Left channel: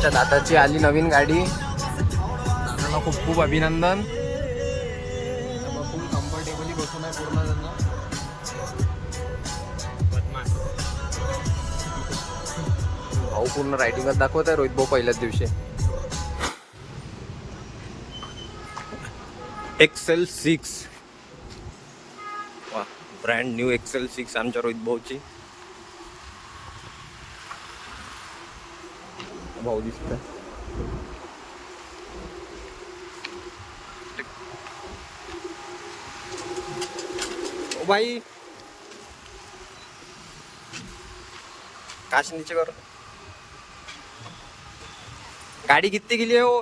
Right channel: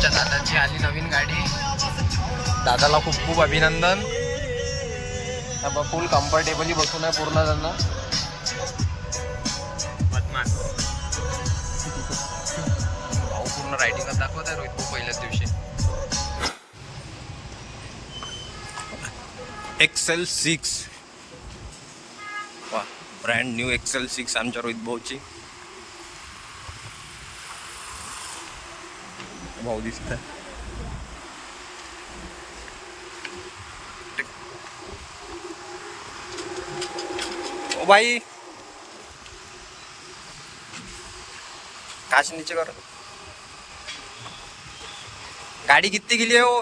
आमच्या दादाची आली नवीन गाडी. दादाला खूप खूप अभिनंदन. फुल कम्फर्टेबली बसून आहे पूर्ण त्यांना. भाऊ पूर्ण रायडिंगच दाखवत आहे रोहित भाऊ पहिल्याच दिवशी. XL6 वा, ब्रँड न्यू XL6 आमच्या रोहित भाऊची. भाऊ दिसत ओ भाई, काश नीचे करो. गाड़ी कितनी के लिए हो?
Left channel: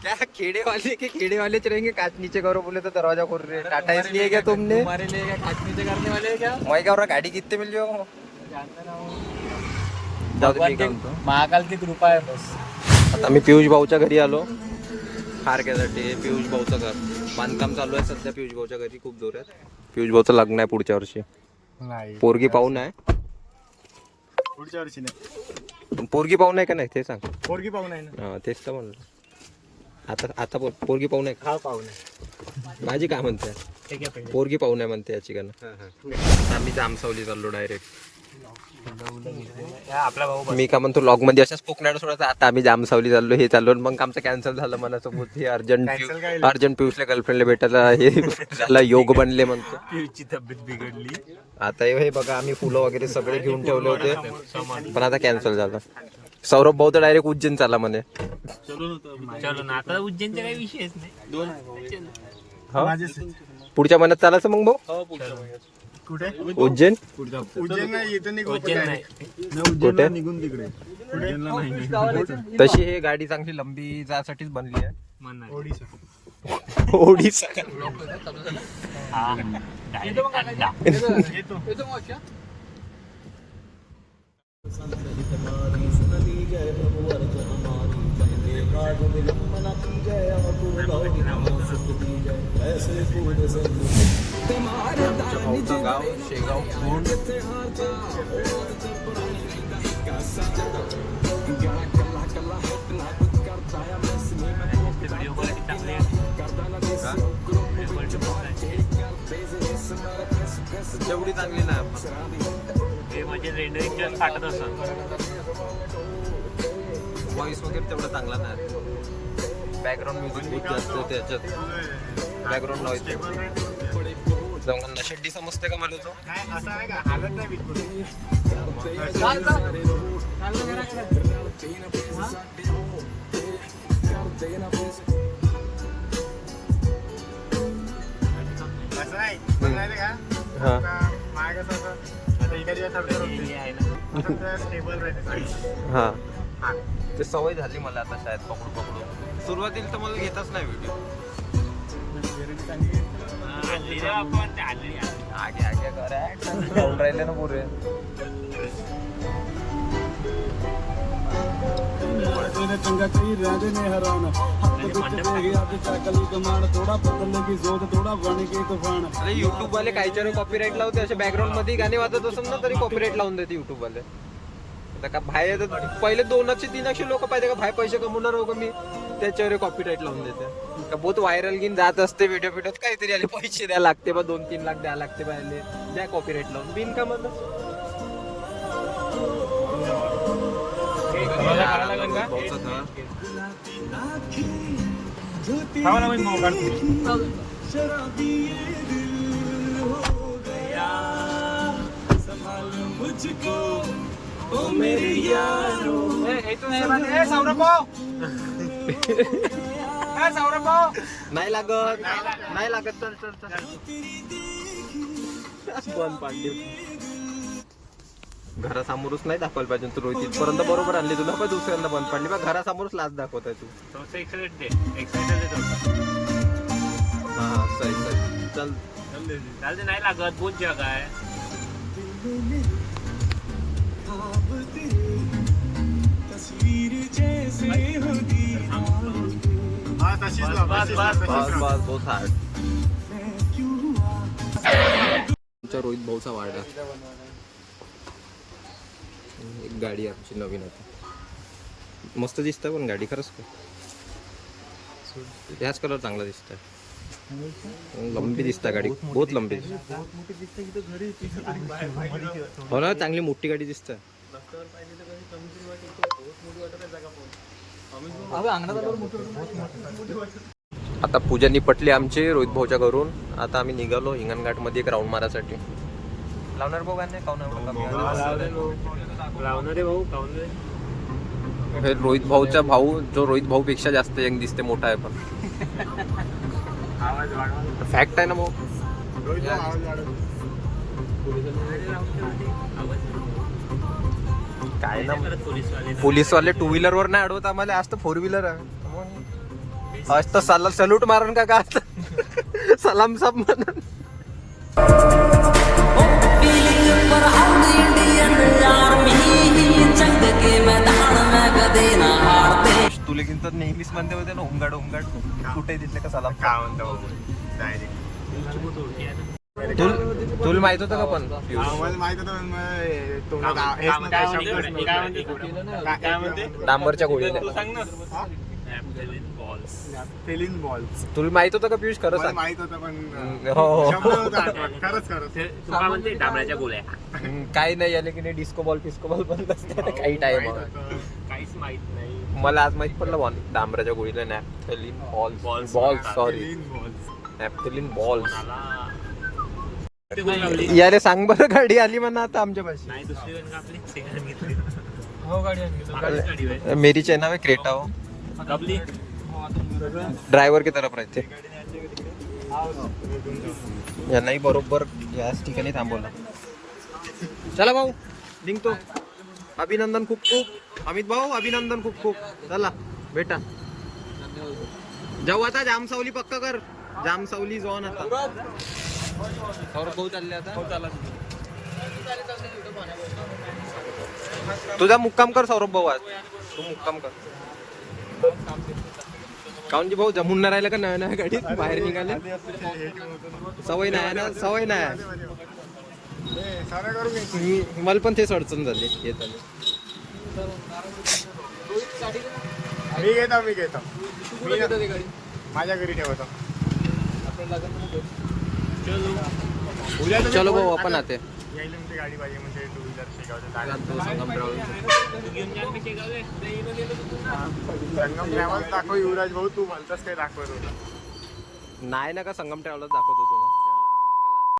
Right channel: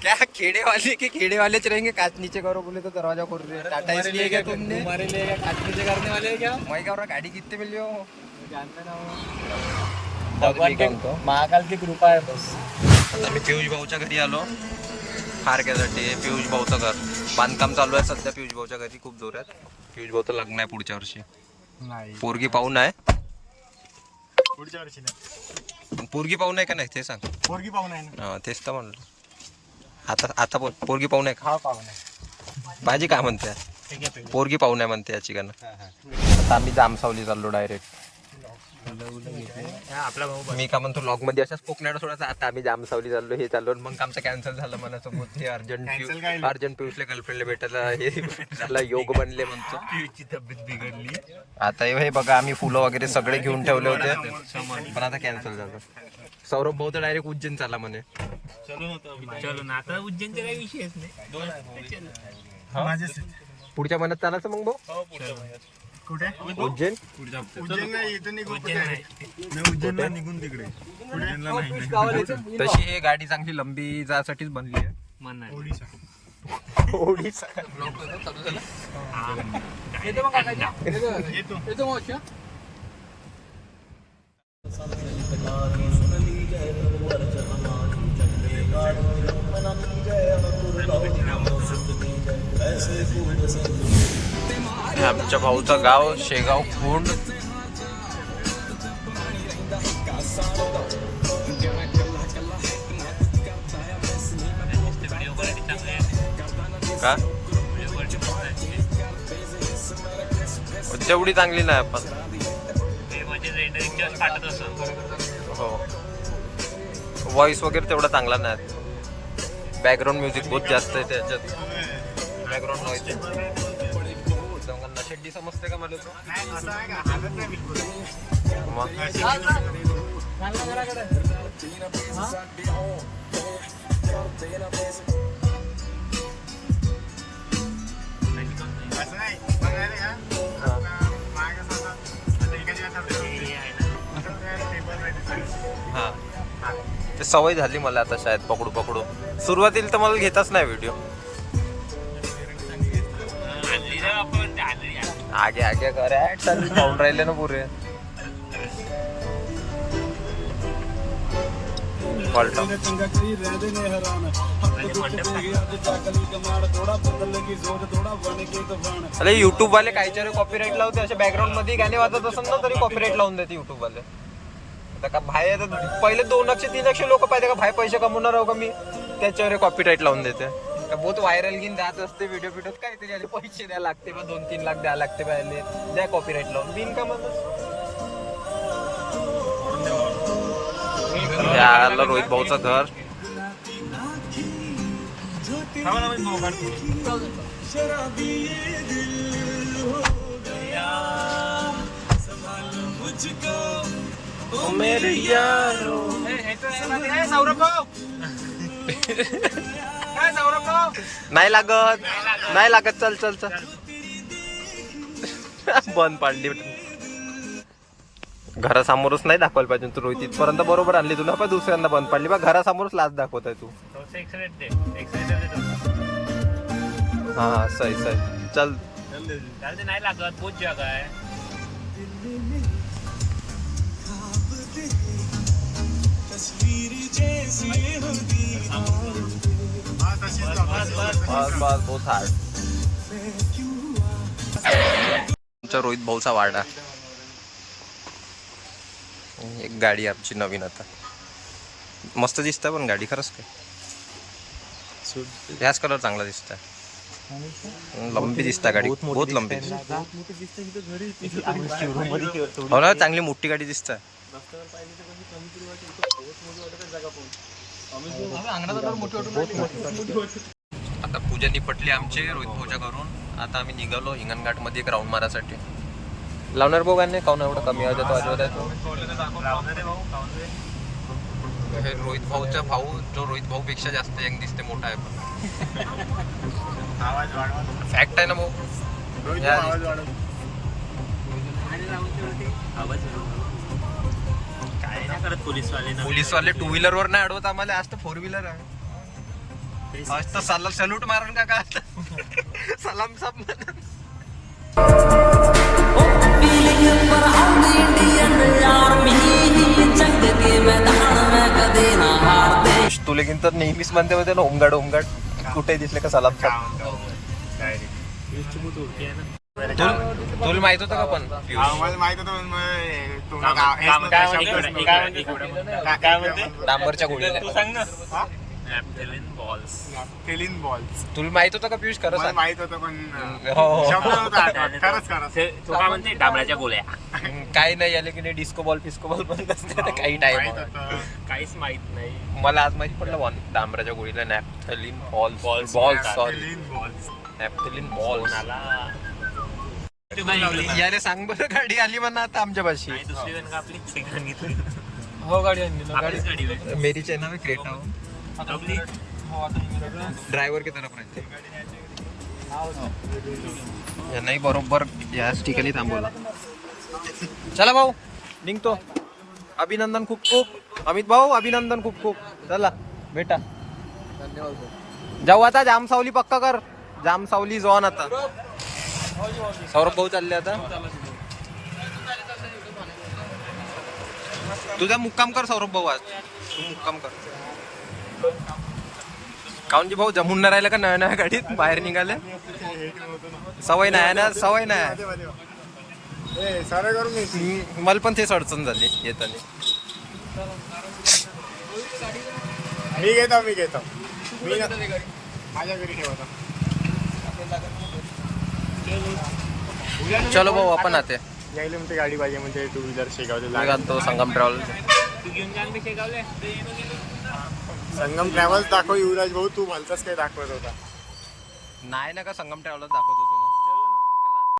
क्या खेड़े वाले के खेड़े वाले रहेंगे? कांच नीचे करो बोले तो दरवाजा खोल रहे. टाटा इसलिए क्या तुमने? हमारे लिए क्या कांच नीचे करने वाले हैं क्या? मैं क्या हो रहा, गाड़ी कितने मिल हो? जाऊ दे, मी काम तो महाकाल की कृपा आहे. आता मी पियुष भाऊच्या घरी आलो हारक्यासाठी. पियुष भाऊचं घर बांधकाम चालू आहे सध्या. पियुष भाऊच्या घरी खूप जोरात. पियुष भाऊचं लग्न आहे पुढच्या वर्षी. पोरगी पाहून आहे पुढच्या वर्षी नाही. पोरगी पाहून आहे का नाही ते सांग. पोरगी पाहून आहे ना. हा तेच तर म्हणलं. आता बोल, पोरगी पाहून आहे का? हा पाहून आहे. माझी काय म्हणते? पोरगी पाहून आहे म्हणते याची का ना. आता आम्ही जामसावली चाललो डायरेक्ट. आपला भाऊ मी का म्हणतो लॉग मध्ये अशाच पोकण्याला सोडायचं. आता आम्ही जामसावली चाललो, हे चाललो. मग आमचं कॅन्सल झालं मनासोबत. हे अर्जंट पियुषला गर्लफ्रेंडला भेटायला हे झाला, योग बनले म्हणतो. पियुषची तब्येत बिघडली. आता हे बघा, आम्ही फुलं वगैरे सगळे घेऊन ठेवले होते पण आता कॅन्सल झालं. सौरभ भाऊ तर डायरेक्ट उज्जैन चाला म्हणे. चलो ना, आता उज्जैनचा काही विषयच नाही. पुढच्या महिन्यात चालायचं मग भाऊ. कुठे? उज्जैन. उज्जैन नाही, इथून उज्जैनला निघून तिकडे. उज्जैनला नाही. तशी हे गाडी चांगली लंबी जायसाठीच बनली आहे. ओडिसा. आमच्या भाऊचं गाव शेगाव खोंड. का तेवढी चांगली नाही आपण. हो, व्हॉइस वगैरे तेवढा चांगला नाही. बॅकग्राऊंड म्युझिक बहुत जास्त आहे त्याच्यात. Background noise. शेड्डी समजते का मला? हा, ते सवय झाली मला आता शायद पकडू पकडू. सुरुवातीला तर मला घेतच नाही व्हिडिओ. आगे आगे खाऊन राहिले ना पुरे. अरे युट्यूब वाले काहीतरी कॉपीराईट लावते. असे बॅकग्राऊंड मध्ये गाणे वाजत असेल ना तरी कॉपीराईट लावून देते युट्यूब वाले. आता का बाहेर पहिले 200-300 लोक पाहिजे का बाहेर पैसे कमवणार हो का मी, त्याच्यावर कॉपीराईट लावून देते. का बहुत व्हायरल घेऊन जात असते व्हिडिओ काहीतरी आले पैसे द्या लागते बा, 2-3 लाख द्या लागते पाहिले, द्या कॉपीराईट लावून बिन का म्हणत. रोहित भाऊचं घर. नाही लागत, नाही लागत. चल चल चल. बंद पाडली. घरासमोरच नाही दाखवायला पाहिजे तू रोहित. इथपर्यंत बरोबर आणली तुला, पण दुसऱ्यांदा बंद पाडली बा. घरासमोरच लाच दाखवत आहे तू. हा सही सही. चल नाही लागत, बहुत जगा आहे. बस बस बहुत हार्ड. तुमच्या रोहित भाऊचा वाडा. एक गाडी आमची नवीन आता मस्त दिसतं पण गाडी खरंच काय याच कलर चांगला दिसत लंबी दिसता गाडी बहुत लंबी दिसत हो ना चांगली मोठी गाडी दिसत आता पूजा निपटली आमची रोहित भाऊच्या घरून आता आम्ही निघालो हिंगणघाट मध्ये एक राऊंड मारासाठी लावणार भाऊ काय नाही काऊन एवढं कमी हे रोहित भाऊचा भाऊ जो रोहित भाऊ पेक्षा जास्त यंग दिसते मोठा आहे पण फॅक्ट आहे ना भाऊ काय ना पोलीसवाले टू व्हीलर वर नाही अडवत आम्हाला आज तर फोर व्हीलर आहे आज तर सल्यूट मारण का सलाम सब म्हणून तू लेकिन तर नेहमीच म्हणते होते ना होमगार्ड कुठे दिसले का सलाम तुला माहित होतं का पण माहित होतं डांबरच्या गोळीला तुला माहित होतं का पियुष खरंच माहित होतं पण डाबराच्या गोळ्या काही नाही आले की नाही डिस्को बॉल पण असते काही टाइम काहीच माहित नाही मला आज माहित पडलं बॉल डांबराच्या गोळीला नॅपथलिन बॉल्स यारे सांग बरं गाडी आली म्हणा आता आमच्या पाशी मेरी चैना में क्रेटा हो ड्रायव्हर की तरफ राहते यांनाही बरोबर याच ठिकाणी थांबवला चला भाऊ निघतो अभिनंदन खूप खूप अमित भाऊ अभिनंदन खूप खूप चला बेटा जाऊ आता जामसावली पक्का कर जामसावली जॉन आता सौरभ भाऊ चालले आता तुझा मुक्काम कर सौरभ भाऊ आज तू मुक्काम कर काऊन जी भाऊ जमून नाही राहिलं का नव्या नव्या गाडीत बाहेर निघाले सवय नाही ना सवय नाही मला पण तेच अडचण झाली येताना मी घेतो माझ्या घरी ठेवतो चलो भाऊ आपण आते यायला म्हणते गाडी पाहिजे म्हणजे टू व्हीलर शिकवते तो संगम ट्रॅव्हल संगम ट्रॅव्हल्स दाखव युवराज भाऊ तू म्हणतास काय दाखवत होता नाही ना का संगम ट्रॅव्हलच दाखवत होतो